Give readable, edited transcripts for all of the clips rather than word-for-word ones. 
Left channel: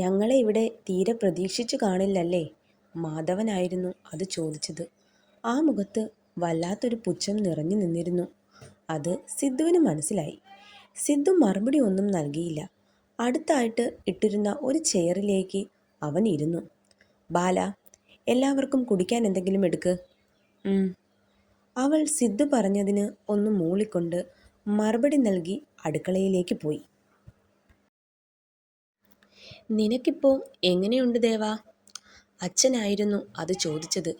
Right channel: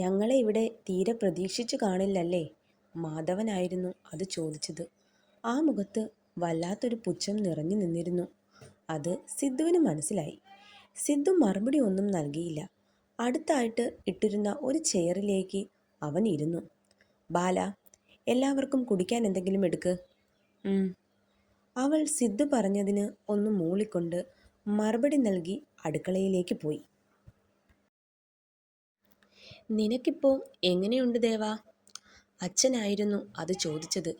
ഞങ്ങളെ ഇവിടെ തീരെ പ്രതീക്ഷിച്ചു കാണില്ലല്ലേ? മാധവനായിരുന്നു അത് ചോദിച്ചത്. ആ മുഖത്ത് വല്ലാത്തൊരു പുച്ഛം നിറഞ്ഞു നിന്നിരുന്നു. അത് സിദ്ധുവിന് മനസ്സിലായി. സിദ്ധു മറുപടി ഒന്നും നൽകിയില്ല. അടുത്തായിട്ട് ഇട്ടിരുന്ന ഒരു ചെയറിലേക്ക് അവൻ ഇരുന്നു. ബാല, എല്ലാവർക്കും കുടിക്കാൻ എന്തെങ്കിലും എടുക്ക്. അവൾ സിദ്ധു പറഞ്ഞതിന് ഒന്ന് മൂളിക്കൊണ്ട് മറുപടി നൽകി അടുക്കളയിലേക്ക് പോയി. നിനക്കിപ്പോൾ എങ്ങനെയുണ്ട് ദേവാ? അച്ഛനായിരുന്നു അത് ചോദിച്ചത്.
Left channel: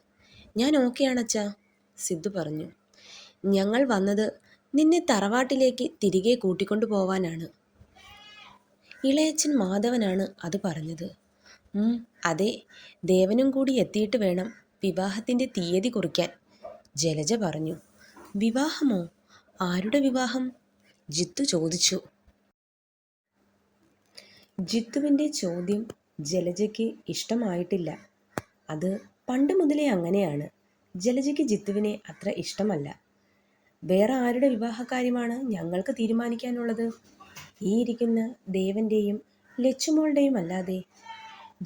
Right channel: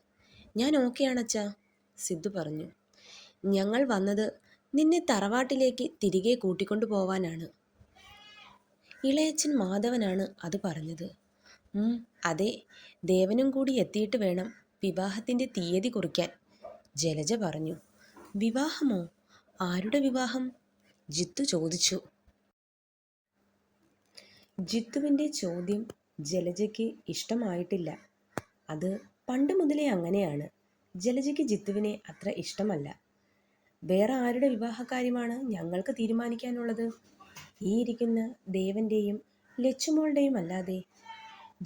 ഞാൻ ഓക്കെയാണച്ഛാ, സിദ്ധു പറഞ്ഞു. ഞങ്ങൾ വന്നത് നിന്നെ തറവാട്ടിലേക്ക് തിരികെ കൂട്ടിക്കൊണ്ടു പോവാനാണ്. ഇളയച്ചൻ മാധവനാണ് അത് പറഞ്ഞത്. അതെ, ദേവനും കൂടി എത്തിയിട്ട് വേണം വിവാഹത്തിൻ്റെ തീയതി കുറിക്കാൻ, ജലജ പറഞ്ഞു. വിവാഹമോ? ആരുടെ വിവാഹം? ജിത്തു ചോദിച്ചു. ജിത്തുവിൻ്റെ ചോദ്യം ജലജയ്ക്ക് ഇഷ്ടമായിട്ടില്ല. അത് പണ്ട് മുതലേ അങ്ങനെയാണ്. ജലജയ്ക്ക് ജിത്തുവിനെ അത്ര ഇഷ്ടമല്ല. വേറെ ആരുടെ വിവാഹകാര്യമാണ് ഞങ്ങൾക്ക് തീരുമാനിക്കാനുള്ളത്? ഈ ഇരിക്കുന്ന ദേവൻ്റെയും ലച്ചുമോളുടെയും അല്ലാതെ.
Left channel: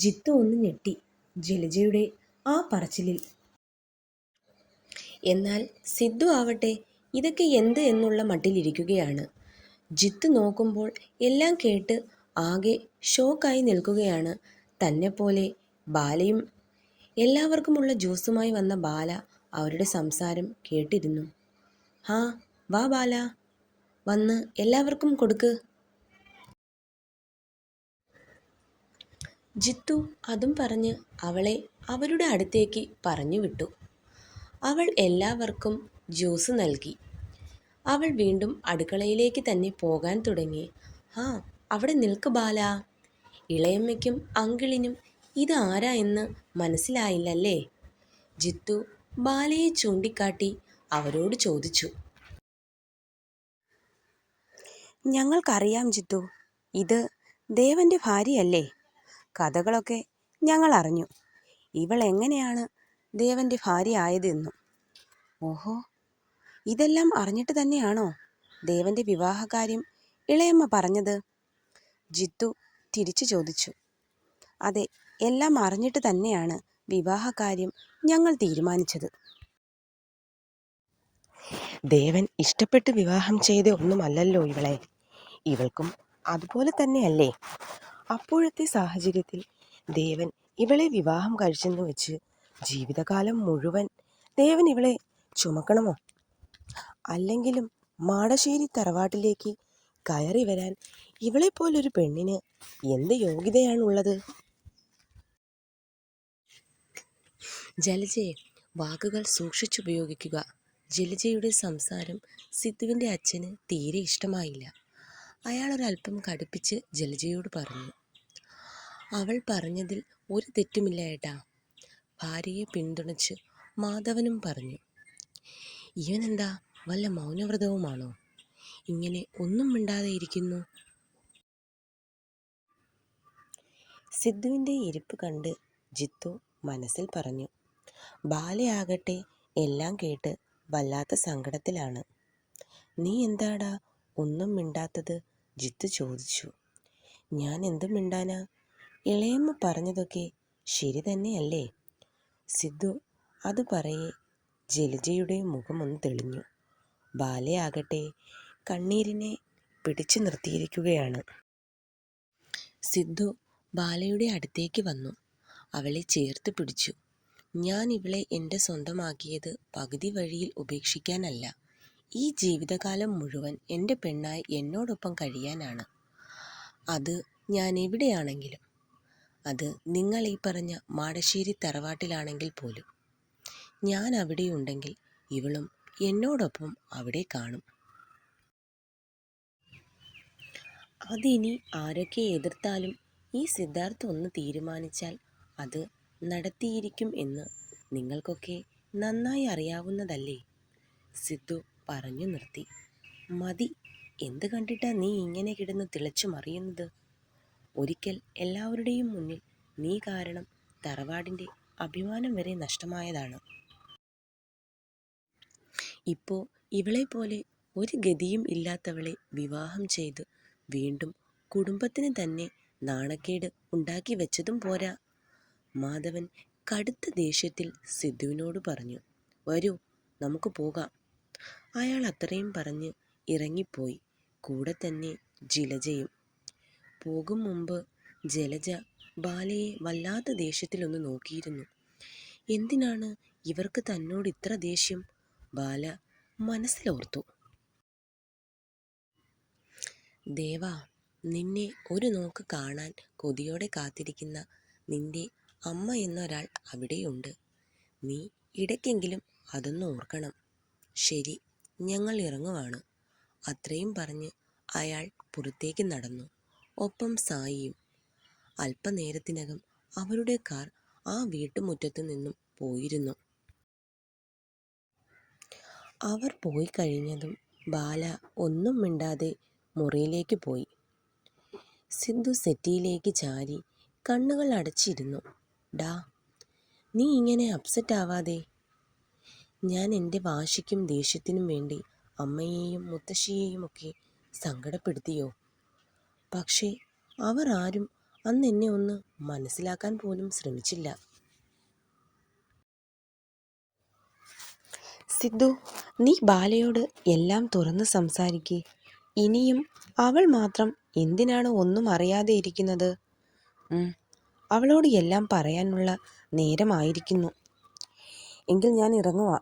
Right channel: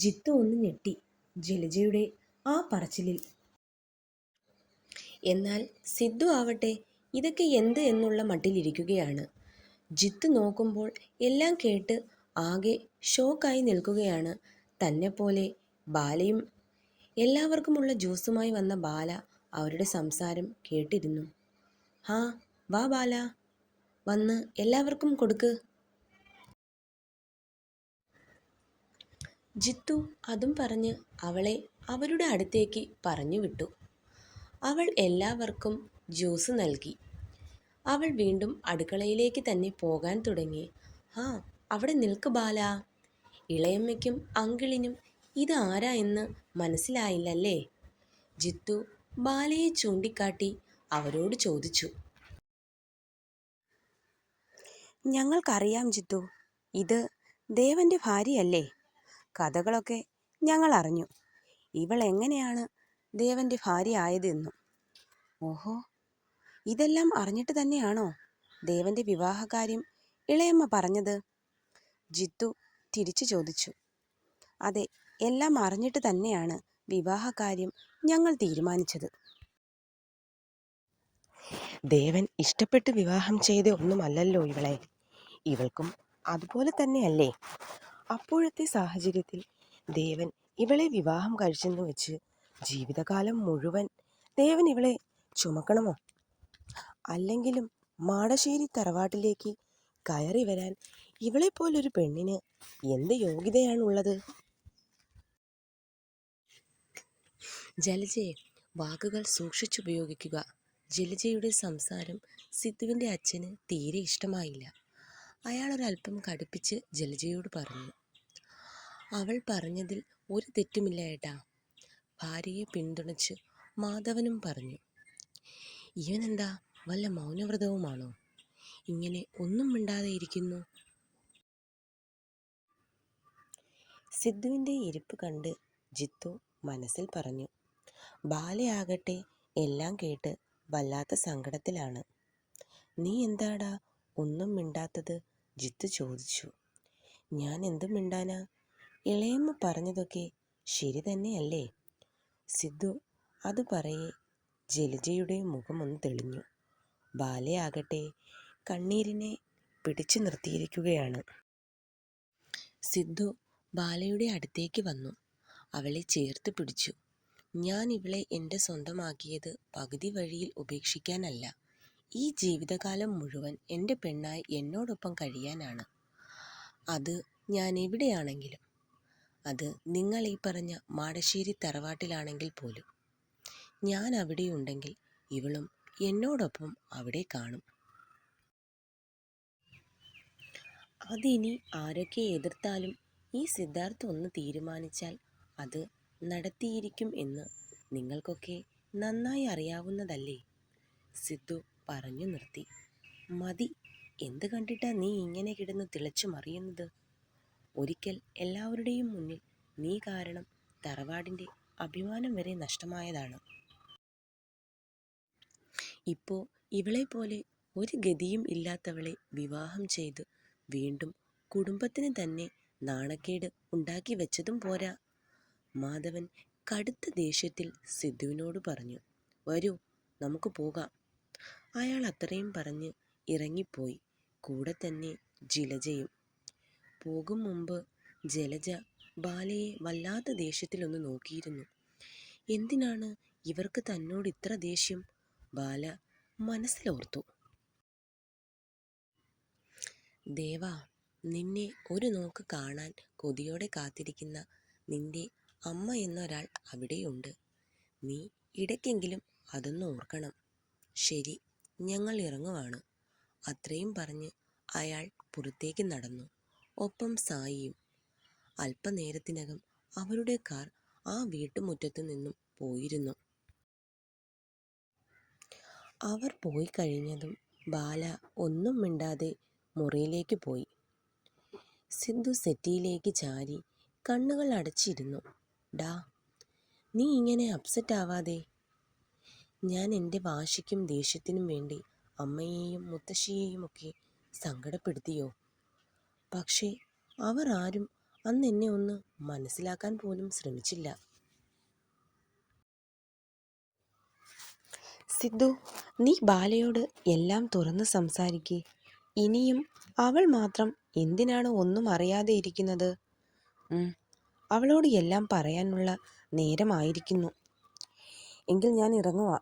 ജിത്തു ഒന്ന് ഞെട്ടി ജലജയുടെ ആ പറച്ചിലിൽ. എന്നാൽ സിദ്ധു ആവട്ടെ ഇതൊക്കെ എന്ത് എന്നുള്ള മട്ടിലിരിക്കുകയാണ്. ജിത്തു നോക്കുമ്പോൾ എല്ലാം കേട്ട് ആകെ ഷോക്കായി നിൽക്കുകയാണ്. തന്നെപ്പോലെ ബാലയും. എല്ലാവർക്കുമുള്ള ജ്യൂസുമായി വന്ന ബാല അവരുടെ സംസാരം കേട്ടിരുന്നു. വാ ബാല, വന്ന് എല്ലാവർക്കും കൊടുക്ക്. ജിത്തു അതും പറഞ്ഞ് അവളെ അവരുടെ അടുത്തേക്ക് പറഞ്ഞു വിട്ടു. അവൾ എല്ലാവർക്കും ജ്യൂസ് നൽകി. അവൾ വീണ്ടും അടുക്കളയിലേക്ക് തന്നെ പോകാൻ തുടങ്ങി. അവിടെ നിൽക്ക് ബാല. ഇളയമ്മയ്ക്കും അങ്കിളിനും ഇത് ആരാ എന്ന് മനസ്സിലായില്ലല്ലേ? ജിത്തു ബാലയെ ചൂണ്ടിക്കാട്ടി അവരോട് ചോദിച്ചു. ഞങ്ങൾക്കറിയാം ജിത്തു, ഇത് ദേവൻ്റെ ഭാര്യയല്ലേ? കഥകളൊക്കെ ഞങ്ങൾ അറിഞ്ഞു. ഇവൾ എങ്ങനെയാണ് ദേവൻ്റെ ഭാര്യ ആയതെന്നും. ഓഹോ, ഇതെല്ലാം അറിഞ്ഞിട്ട് തന്നെയാണോ ദേവൻ്റെ വിവാഹകാര്യം ഇളയമ്മ പറഞ്ഞത്? ജിത്തു തിരിച്ചു ചോദിച്ചു. അതെ, എല്ലാം അറിഞ്ഞിട്ട് തന്നെയാണ് വിവാഹകാര്യം ഞങ്ങൾ തീരുമാനിച്ചത്. ദേവൻ ഇഷ്ടപ്പെട്ട് വിവാഹം ചെയ്ത ഒന്നുമല്ലല്ലോ ഇവളെ. ഇവൾക്കും അതുപോലെ തന്നെയല്ലേ? അപ്പോഴത്തെ സാഹചര്യത്തിൽ ദേവൻ ഇവളെ വിവാഹം കഴിച്ചെന്ന് വെച്ച് ജീവിതകാലം മുഴുവൻ ദേവൻ ഇവളെ ചുമക്കണമോ? അല്ലെങ്കിലും മാടശ്ശേരി തറവാട്ടിലേക്ക് കയറി വരാൻ ഇവളെപ്പോലൊരു പെണ്ണിന് എന്ത് യോഗ്യതയാണുള്ളത്? ജലജയെ വാക്കുകൾ സൂക്ഷിച്ചുപയോഗിക്കുക. ജലജയുടെ സംസാരം സിദ്ധുവിൻ്റെ അച്ഛന് തീരെ ഇഷ്ടമായില്ല. അയാളൊരൽപ്പം കടുപ്പിച്ച് ജലജയോട് പറഞ്ഞു. അവൾ പറഞ്ഞതിൽ ഒരു തെറ്റുമില്ല ഏട്ടാ, ഭാര്യയെ പിന്തുണച്ച് മാധവനും പറഞ്ഞു. ഇവനെന്താ വല്ല മൗനവ്രതവുമാണോ? ഇങ്ങനെ ഒന്നും മിണ്ടാതെ ഇരിക്കുന്നു. സിദ്ധുവിൻ്റെ ഇരിപ്പ് കണ്ട് ജിത്തു മനസ്സിൽ പറഞ്ഞു. ബാലയാകട്ടെ എല്ലാം കേട്ട് വല്ലാത്ത സങ്കടത്തിലാണ്. നീ എന്താടാ ഒന്നും മിണ്ടാത്തത്? ജിത്തു ചോദിച്ചു. ഞാൻ എന്തും മിണ്ടാനാ? ഇളയമ്മ പറഞ്ഞതൊക്കെ ശരി തന്നെയല്ലേ? സിദ്ധു അത് പറയെ ജലജയുടെ മുഖമൊന്ന് തെളിഞ്ഞു. ബാലയാകട്ടെ കണ്ണീരിനെ പിടിച്ചു നിർത്തിയിരിക്കുകയാണ്. സിദ്ധു ബാലയുടെ അടുത്തേക്ക് വന്നു. അവളെ ചേർത്ത് പിടിച്ചു. ഞാൻ ഇവളെ എൻ്റെ സ്വന്തമാക്കിയത് പകുതി വഴിയിൽ ഉപേക്ഷിക്കാനല്ല. ഈ ജീവിതകാലം മുഴുവൻ എൻ്റെ പെണ്ണായി എന്നോടൊപ്പം കഴിയാനാണ്. അത് ഞാൻ എവിടെയാണെങ്കിലും. അത് നിങ്ങൾ ഈ പറഞ്ഞ മാടശ്ശേരി തറവാട്ടിലാണെങ്കിൽ പോലും. ഞാൻ അവിടെയുണ്ടെങ്കിൽ ഇവളും എന്നോടൊപ്പം അവിടെ കാണും. അതിനി ആരൊക്കെ എതിർത്താലും ഈ സിദ്ധാർത്ഥ് ഒന്ന് തീരുമാനിച്ചാൽ അത് നടത്തിയിരിക്കും എന്ന് നിങ്ങൾക്കൊക്കെ നന്നായി അറിയാവുന്നതല്ലേ? സിദ്ധു പറഞ്ഞു നിർത്തി. മതി, എന്ത് കണ്ടിട്ടാ നീ ഇങ്ങനെ കിടന്ന് തിളച്ചു മറിയുന്നത്? ഒരിക്കൽ എല്ലാവരുടെയും മുന്നിൽ നീ കാരണം തറവാടിൻ്റെ അഭിമാനം വരെ നഷ്ടമായതാണ്. ഇപ്പോൾ ഇവളെപ്പോലെ ഒരു ഗതിയും ഇല്ലാത്തവളെ വിവാഹം ചെയ്ത് വീണ്ടും കുടുംബത്തിന് തന്നെ നാണക്കേട് ഉണ്ടാക്കി വെച്ചതും പോരാ. മാധവൻ കടുത്ത ദേഷ്യത്തിൽ സിദ്ധുവിനോട് പറഞ്ഞു, വരൂ, നമുക്ക് പോകാം. അയാൾ അത്രയും പറഞ്ഞ് ഇറങ്ങിപ്പോയി. കൂടെ തന്നെ ജലജയും. പോകും മുമ്പ് ജലജ ബാലയെ വല്ലാത്ത ദേഷ്യത്തിലൊന്ന് നോക്കിയിരുന്നു. എന്തിനാണ് ഇവർക്ക് തന്നോട് ഇത്ര ദേഷ്യം? ബാല മനസ്സിലോർത്തു. ദേവാ, നിന്നെ ഒരു നോക്ക് കാണാൻ കൊതിയോടെ കാത്തിരിക്കുന്ന നിന്റെ അമ്മ എന്നൊരാൾ അവിടെയുണ്ട്. നീ ഇടയ്ക്കെങ്കിലും അതൊന്ന് ഓർക്കണം. ശരി, ഞങ്ങൾ ഇറങ്ങുവാണ്. അത്രയും പറഞ്ഞ് അയാൾ പുറത്തേക്ക് നടന്നു. ഒപ്പം സായിയും. അല്പനേരത്തിനകം അവരുടെ കാർ ആ വീട്ടുമുറ്റത്തു നിന്നും പോയിരുന്നു. അവർ പോയി കഴിഞ്ഞതും ബാല ഒന്നും മിണ്ടാതെ മുറിയിലേക്ക് പോയി. സിദ്ധു സെറ്റിയിലേക്ക് ചാരി കണ്ണുകൾ അടച്ചിരുന്നു. ഡാ, നീ ഇങ്ങനെ അപ്സെറ്റ് ആവാതെ. ഞാൻ എൻ്റെ വാശിക്കും ദേഷ്യത്തിനും വേണ്ടി അമ്മയെയും മുത്തശ്ശിയെയും ഒക്കെ സങ്കടപ്പെടുത്തിയോ? പക്ഷേ അവർ ആരും അന്ന് എന്നെ ഒന്ന് മനസ്സിലാക്കാൻ പോലും ശ്രമിച്ചില്ല. സിദ്ധു, നീ ബാലയോട് എല്ലാം തുറന്ന് സംസാരിക്ക്. ഇനിയും അവൾ മാത്രം എന്തിനാണ് ഒന്നും അറിയാതെ ഇരിക്കുന്നത്? അവളോട് എല്ലാം പറയാനുള്ള നേരമായിരിക്കുന്നു. എങ്കിൽ ഞാൻ ഇറങ്ങുവാ,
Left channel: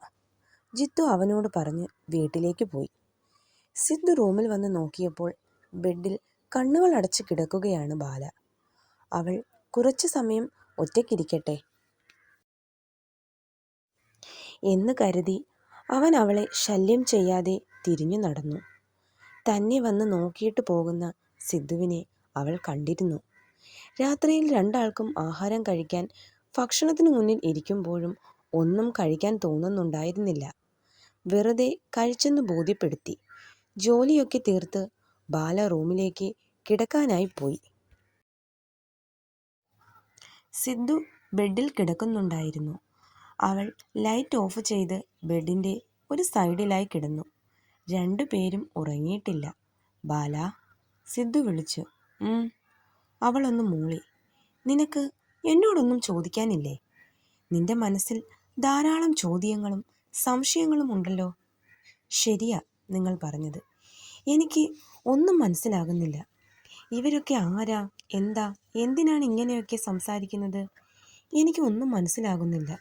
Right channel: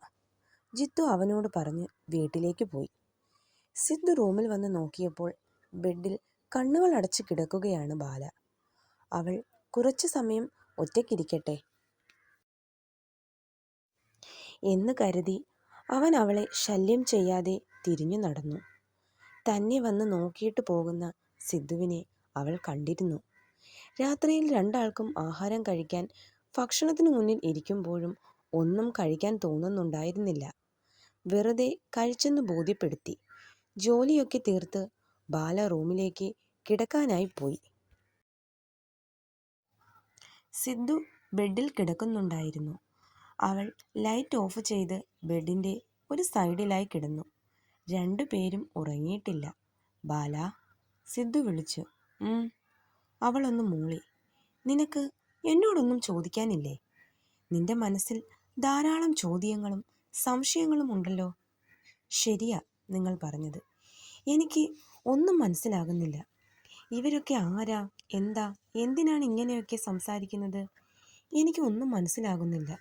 ജിത്തു അവനോട് പറഞ്ഞ് വീട്ടിലേക്ക് പോയി. സിദ്ധു റൂമിൽ വന്ന് നോക്കിയപ്പോൾ ബെഡിൽ കണ്ണുകൾ അടച്ച് കിടക്കുകയാണ് ബാല. അവൾ കുറച്ചു സമയം ഒറ്റയ്ക്കിരിക്കട്ടെ എന്ന് കരുതി അവൻ അവളെ ശല്യം ചെയ്യാതെ തിരിഞ്ഞു നടന്നു. തന്നെ വന്ന് നോക്കിയിട്ട് പോകുന്ന സിദ്ധുവിനെ അവൾ കണ്ടിരുന്നു. രാത്രിയിൽ രണ്ടാൾക്കും ആഹാരം കഴിക്കാൻ ഭക്ഷണത്തിന് മുന്നിൽ ഇരിക്കുമ്പോഴും ഒന്നും കഴിക്കാൻ തോന്നുന്നുണ്ടായിരുന്നില്ല. വെറുതെ കഴിച്ചെന്ന് ബോധ്യപ്പെടുത്തി ജോലിയൊക്കെ തീർത്ത് ബാല റൂമിലേക്ക് കിടക്കാനായി പോയി. സിദ്ധു ബെഡിൽ കിടക്കുന്നുണ്ടായിരുന്നു. അവൾ ലൈറ്റ് ഓഫ് ചെയ്ത് ബെഡിൻ്റെ ഒരു സൈഡിലായി കിടന്നു. രണ്ടുപേരും ഉറങ്ങിയിട്ടില്ല. ബാല, സിദ്ധു വിളിച്ചു. അവളൊന്ന് മൂളി. നിനക്ക് എന്നോടൊന്നും ചോദിക്കാനില്ലേ? നിന്റെ മനസ്സിൽ ധാരാളം ചോദ്യങ്ങളും സംശയങ്ങളും ഉണ്ടല്ലോ. ശരിയാ നിങ്ങൾ പറഞ്ഞത്. എനിക്ക് ഒന്നും മനസ്സിലാകുന്നില്ല. ഇവരൊക്കെ ആരാ, എന്താ, എന്തിനാണ് ഇങ്ങനെയൊക്കെ സംസാരിക്കുന്നത്? എനിക്ക് ഒന്നും മനസ്സിലാകുന്നില്ല.